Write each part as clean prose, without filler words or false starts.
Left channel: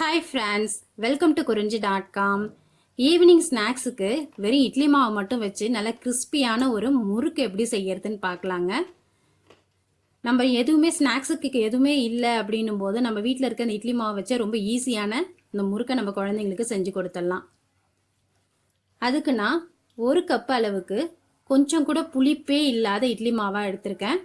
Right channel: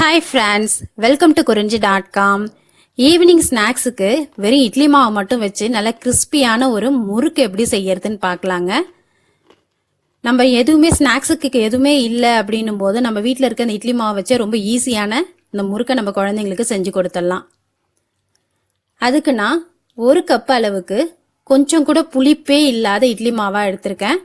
Hi friends, welcome to குறிஞ்சி.com. Evening ஸ்நாக்ஸுக்கு வெறும் இட்லி மாவு மட்டும் வச்சு நல்ல கிறிஸ்பியான ஒரு முறுக்கு எப்படி செய்யறதுன்னு பார்க்கலாங்க. நம்ம எதுவுமே ஸ்நாக்ஸுக்கு எதுவுமே இல்லை அப்படின்னும் போது நம்ம வீட்டில் இருக்க அந்த இட்லி மாவு வச்சு ரொம்ப ஈஸியான இந்த முறுக்கை நம்ம குழந்தைங்களுக்கு செஞ்சு கொடுத்துடலாம். அதுக்கு நான் 1 கப் அளவுக்கு கொஞ்சம் கூட புளிப்பே இல்லாத இட்லி மாவாக எடுத்திருக்கேன்.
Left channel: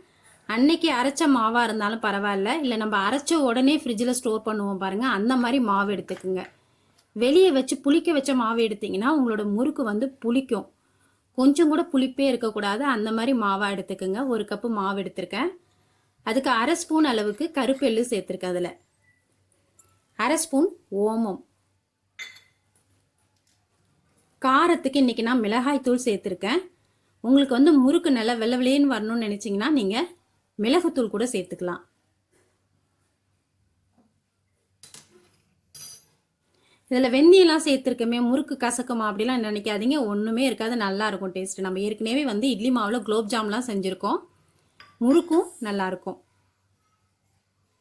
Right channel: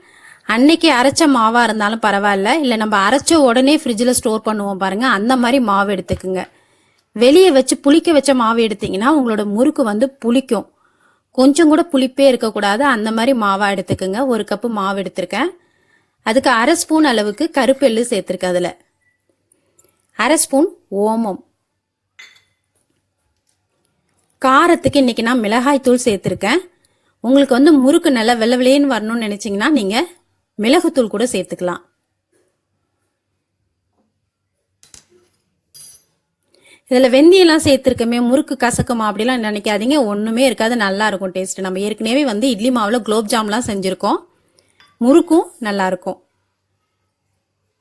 அன்னைக்கு அரைச்ச மாவா இருந்தாலும் பரவாயில்ல, இல்லை நம்ம அரைச்ச உடனே ஃப்ரிட்ஜில் ஸ்டோர் பண்ணுவோம் பாருங்க, அந்த மாதிரி மாவு எடுத்துக்குங்க. வெளியே வச்சு புளிக்க வச்ச மாவு எடுத்தீங்கன்னா உங்களோட முறுக்கு வந்து புளிக்கும். கொஞ்சம் கூட புளிப்பே இருக்கக்கூடாது, அந்த மாதிரி மாவா எடுத்துக்குங்க. 1 கப்பு மாவு எடுத்திருக்கேன். அதுக்கு 1/2 ஸ்பூன் அளவுக்கு கருப்பெள்ளு சேர்த்துருக்கேன். அதில் 1/2 ஸ்பூன் ஓமம். காரத்துக்கு இன்னைக்கு நான் மிளகாய் தூள் சேர்த்துருக்கேன். உங்களுக்கு வந்து முறுக்கு நல்லா வெள்ளை வெள்ளையன்னு வரணும்னு நினைச்சீங்கன்னா நீங்க மிளகுத்தூள் கூட சேர்த்துக்கலாம். இதில் வெந்தயம்லாம் சேர்த்துருக்கமே முறுக்கு கசக்குமா அப்படிலாம் நினைக்காதீங்க, ஒன்றுமே இருக்காது, நல்லா இருக்கும் டேஸ்ட். நம்ம ஏற்கனவே வந்து இட்லி மாவில் குலோப் ஜாம்லாம் செஞ்சுருக்கோம், முறுக்கும் நல்லா இருக்கும்.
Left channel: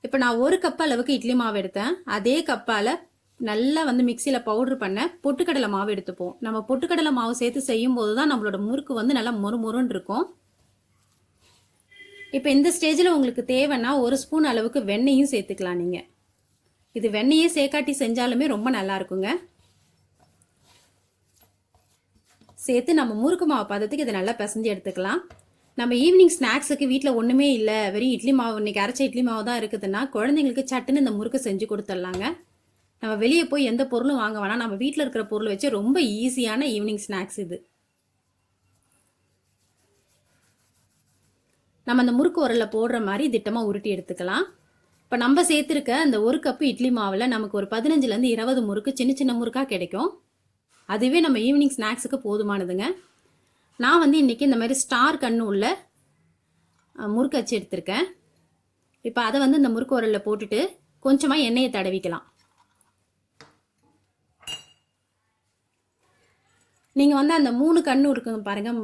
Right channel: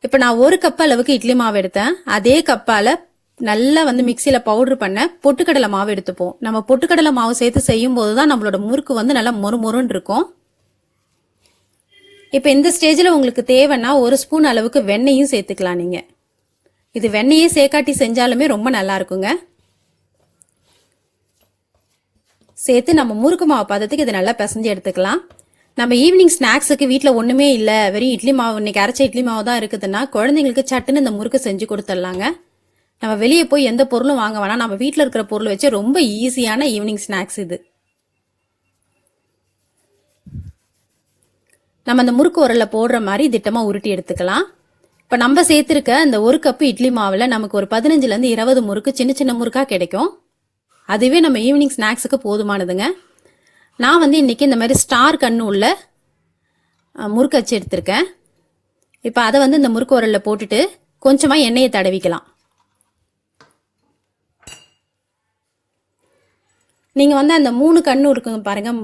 இப்போ நான் 1 கப் அளவுக்கு இட்லி மாவு எடுத்தேன். அதே கப்பால் நல்லா வந்து மிக்சியில் பவுடர் பண்ண பொட்டுக்கடலை மாவு எடுத்துப்போம். நம்ம பொட்டுக்கடலை மாவு சேர்த்து செய்யும் போது தான் நம்மளோட முறுக்கு வந்து நல்லா மொறுமொறுன்னு இருக்கும். இப்போ இந்த ஸ்டேஜில் உங்களுக்கு தேவைன்னா 1 ஸ்பூன் அளவுக்கு வெண்ணெயும் சேர்த்துக்கலாம். நீங்கள் இது வெண்ணெயே சேர்க்காட்டி செஞ்சாலுமே ரொம்ப நல்லா இருக்குங்க. சேர்த்து நம்ம முறுக்கு மாவு பதத்துக்கு இதை நல்லா பிசைஞ்சு எடுத்துக்கலாம். நம்ம ஈவினிங் ஸ்நாக்ஸுக்கு வீட்டில் ஒன்றுமே இல்லை, வெறும் இட்லி மாவு, இன்னைக்கு அரைச்ச இட்லி மாவு தான் இருக்குதுன்னா குழந்தைங்களுக்கு சட்டுன்னு இந்த முறுக்கு செஞ்சு கொடுத்துடலாங்க. நம்ம வெளியே போய் எந்த பொருளும் வாங்க வேணாம், நம்ம வீட்டில் இருக்கிற பொருள் வச்சு ரொம்ப ஈஸியான ஈவினிங் ஸ்நாக்ஸ் இது. நம்ம அந்த முறுக்கு உரல்ல போடுற மாதிரி திட்டமாக உருட்டி எடுத்துக்கலாம். இப்போ நம்ம சேர்த்துருக்க அந்த 1 கப்பு இட்லி மாவில் நமக்கு ஒரு 15லேருந்து 20 முறுக்கு சின்ன சின்ன முறுக்காக கிடைக்கும். அதுவே நம்ம ஈவினிங் ஸ்நாக்ஸுக்கு போதுமானதுங்க. நான் வந்து இன்றைக்கி இந்த மாதிரி ஸ்டார் கண்ணு உள்ள முறுக்கு வச்சு எடுத்திருக்கேன். இப்போ அதை வந்து இந்த முறுக்கு உரலில் போட்டுட்டு கொஞ்சமாக எண்ணெயை தடவிக்கலாம். நீங்கள் வந்து அந்த 3 கண்ணு இருக்குங்க பாருங்கள்,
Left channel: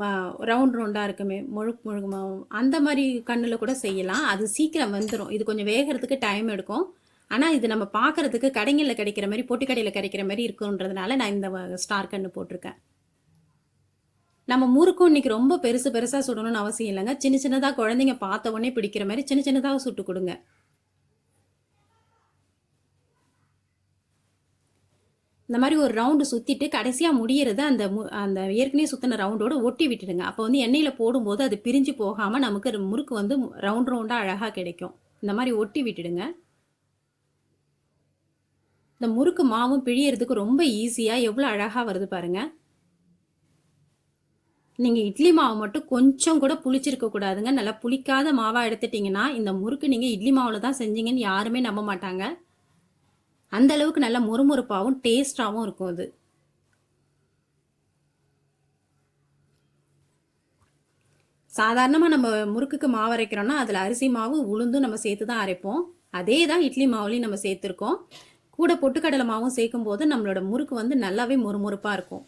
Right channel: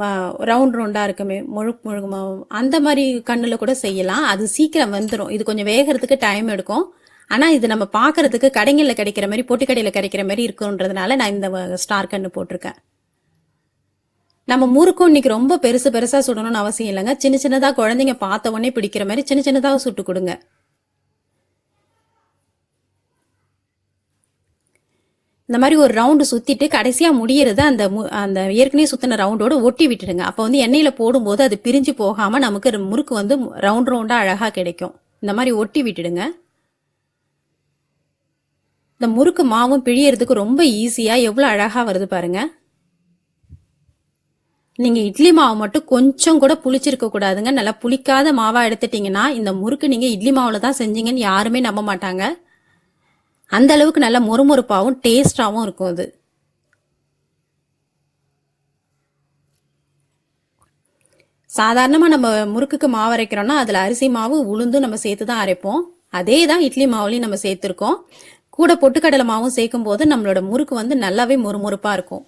ரவுண்ட் ரவுண்டாக இருக்குமே முழுக்கு மாவு, அந்த மாதிரி கண்ணில் கூட செய்யலாம். அது சீக்கிரம் வந்துடும். இது கொஞ்சம் வேகிறதுக்கு டைம் எடுக்கும். ஆனால் இது நம்ம பார்க்குறதுக்கு கடைகளில் கிடைக்கிற மாதிரி, பொட்டிக்கடையில் கிடைக்கிற மாதிரி இருக்குன்றதுனால நான் இந்த ஸ்டார் கண்ணு போட்டிருக்கேன். நம்ம முறுக்கும் இன்னைக்கு ரொம்ப பெருசாக சுடணும்னு அவசியம் இல்லைங்க. சின்ன சின்னதாக குழந்தைங்க பார்த்த உடனே பிடிக்கிற மாதிரி சின்ன சின்னதாக சுட்டு கொடுங்க. இந்த மாதிரி ஒரு ரவுண்டு சுற்றிட்டு கடைசியாக முடியறது அந்த ஏற்கனவே சுற்றின ரவுண்டோடு ஒட்டி விட்டுடுங்க. அப்போ வந்து எண்ணெயில் போடும்போது அது பிரிஞ்சு போகாமல் நமக்கு முறுக்கு வந்து ரவுண்டாக அழகாக கிடைக்கும். இந்த மாதிரி ஒட்டி விட்டுடுங்க. இந்த முறுக்கு மாவும் பிழியறதுக்கு ரொம்ப ஈஸியாக எவ்வளோ அழகாக வருது பாருங்கள். நீங்கள் இட்லி மாவு மட்டும் கொஞ்சம் கூட புளிச்சிருக்க கூடாதுங்க. நல்லா புளிக்காத மாவாக எடுத்துட்டிங்கன்னா இந்த முறுக்கு நீங்கள் இட்லி மாவில் தான் செஞ்சீங்கன்னு யாருமே நம்ப மாட்டாங்க. அந்த அளவுக்கு நல்லா மொறுமொறுப்பாகவும் டேஸ்டாகவும் இருக்கும் அது. சாதாரணமாக நம்ம முறுக்குக்கு மாவு அரைக்கிறோம்னா அதில் அரிசி மாவு உளுந்து நம்ம சேர்த்து தான் அரைப்போம். அதே தான் இட்லி மாவுலையும் நம்ம சேர்த்துருக்கோம். கூட பொட்டுக்கடலை மாவும் சேர்க்கும் போது நம்மளோட முறுக்கு வந்து நல்லாவே மொறுமொறுப்பாக இருக்கும்.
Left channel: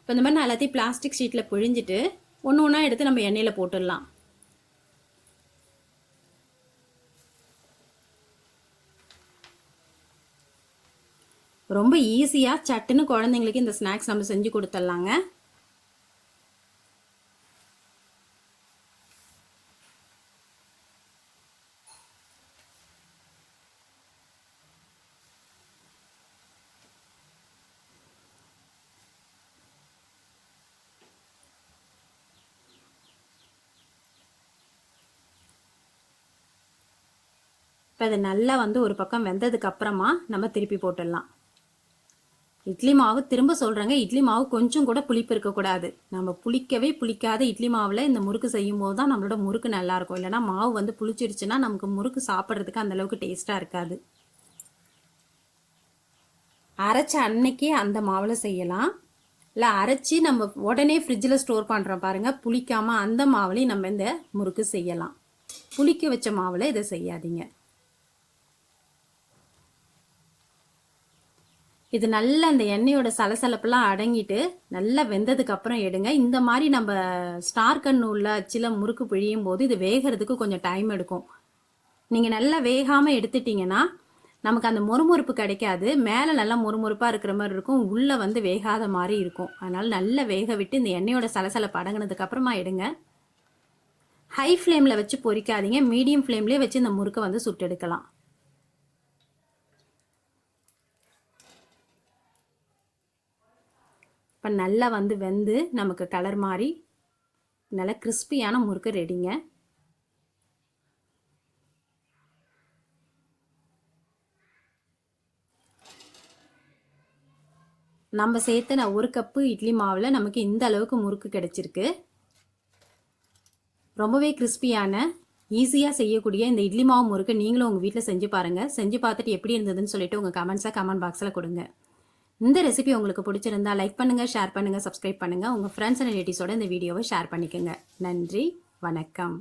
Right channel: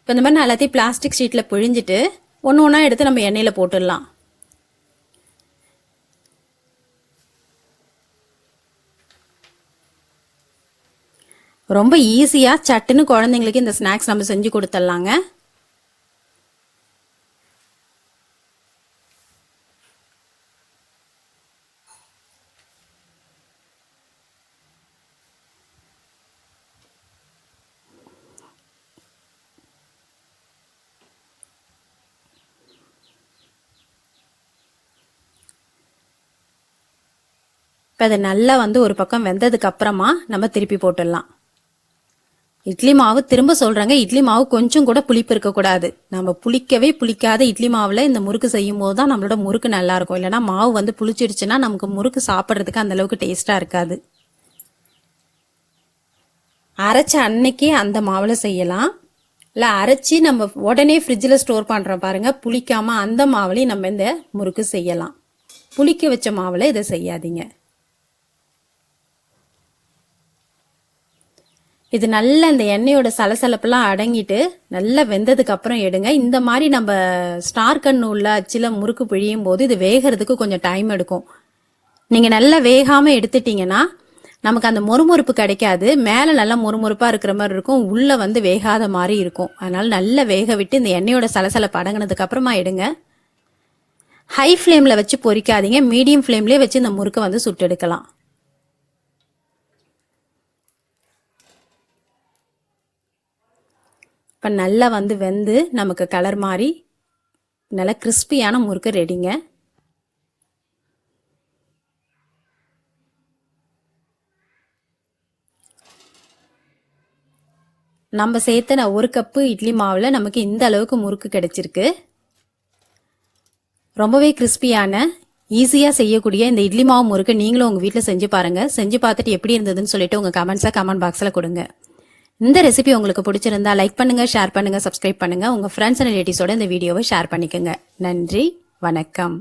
இப்போ இந்த மாதிரி நான் எல்லாத்தையும் பிளாஸ்டிக் ஷீட்டில் பிழிஞ்சிட்டு ஒன்று ஒன்றா எடுத்து நம்ம எண்ணெயில் போட்டுடலாம். ரொம்ப ஈஸியாக சட்டுன்னு குழந்தைங்களுக்கு இந்த ஸ்நாக்ஸ் நம்ம செஞ்சு கொடுத்துடலாங்க. இப்போ அதை நல்லா வந்து ஒரு பக்கம் வெந்ததுக்கு அப்புறமா நம்ம திருப்பி போட்டுடலாம். இட்லி மாவு திரும்ப சொல்கிறேங்க, இட்லி மாவு கொஞ்சம் கூட புளிப்பு இருக்கக்கூடாது. நம்ம புளிக்காத இட்லி மாவில் இந்த முறுக்கு செய்யும் போது தான் நம்மளோட முறுக்கு நல்லாயிருக்கும். இல்லைனா மாவு வந்து புளிச்சிடுச்சுன்னா நமக்கு முறுக்கு சாப்பிட்றதுக்கு அந்தளவுக்கு டேஸ்ட்டாக இருக்காது. அரைச்ச அன்னைக்கு அந்த மாவில் செய்யலாம், இல்லை அரைச்சி நம்ம உடனே ஃப்ரிட்ஜில் ஸ்டோர் பண்ணுறோம் பாருங்கள், புளிக்காமல் அந்த மாவுலையும் நம்ம இந்த முறுக்கு செய்யலாம். புளிக்க வச்ச மாவில் இதை செய்யாதீங்க. இது நல்லா இந்த எண்ணெயோட சலசலப்பெல்லாம் அடங்கிட்டு நல்லா வெந்ததுக்கு அப்புறம் எடுங்க. இந்த மாதிரி நம்ம ஸ்டார் கண்ணு உள்ள அச்சில முறுக்கு பிழியும் போது இது வேகிறதுக்கு கொஞ்சம் டைம் எடுக்கும். நீங்கள் நல்லா வேகாமல் எடுத்துட்டீங்கன்னா நமக்கு அந்த மொறுமொறுப்பு கிடைக்காது. மேலே நல்லா மொறுமொறுப்பாக இருக்கிற மாதிரி இருக்கும், உள்ளே வந்து வேகாத மாதிரி இருக்கும். அதனால் நல்லா வேக விட்டு இந்த எண்ணெயோட சலசலப்பு அடங்கினதுக்கு அப்புறமா எடுங்க. ஹை ஃப்ளேமில் வச்சு பொரிக்காதீங்க, மீடியம் ஃப்ளேம்லேயே வச்சு இந்த முறுக்கை வந்து சுட்டு எடுக்கலாம். இப்போ நல்லா வந்து வெந்து நமக்கு கலர் மாதிரி நல்லா கிறிஸ்பியான முறுக்கு ரெடிங்க. நம்ம சேர்த்த ஒரு கப்பு இட்லி மாவில் நமக்கு இந்த அளவுக்கு முறுக்கு கிடைச்சிருக்கு. ரொம்பவே கிறிஸ்பியான ஈஸியாக செய்யக்கூடிய இந்த இட்லி மாவு முறுக்கு நீங்களும் உங்கள் வீட்டில் செஞ்சு பாருங்கள். செஞ்சு பார்த்துட்டு எப்படி இருந்ததுன்னு சொல்லிட்டு உங்கள் கமெண்ட்ஸை கமெண்ட் பாக்ஸில் கொடுங்க. இந்த ரெசிபி உங்களுக்கு பிடிச்சிருந்தா லைக் பண்ணுங்கள், ஷேர் பண்ணுங்கள், சப்ஸ்கிரைப் பண்ணுங்கள். உங்கள் ஃப்ரெண்ட்ஸ் அண்ட் ரிலேட்டிவ்ஸோட இந்த வீடியோவை ஷேர் பண்ணிக்கோங்க. நன்றி, வணக்கம்.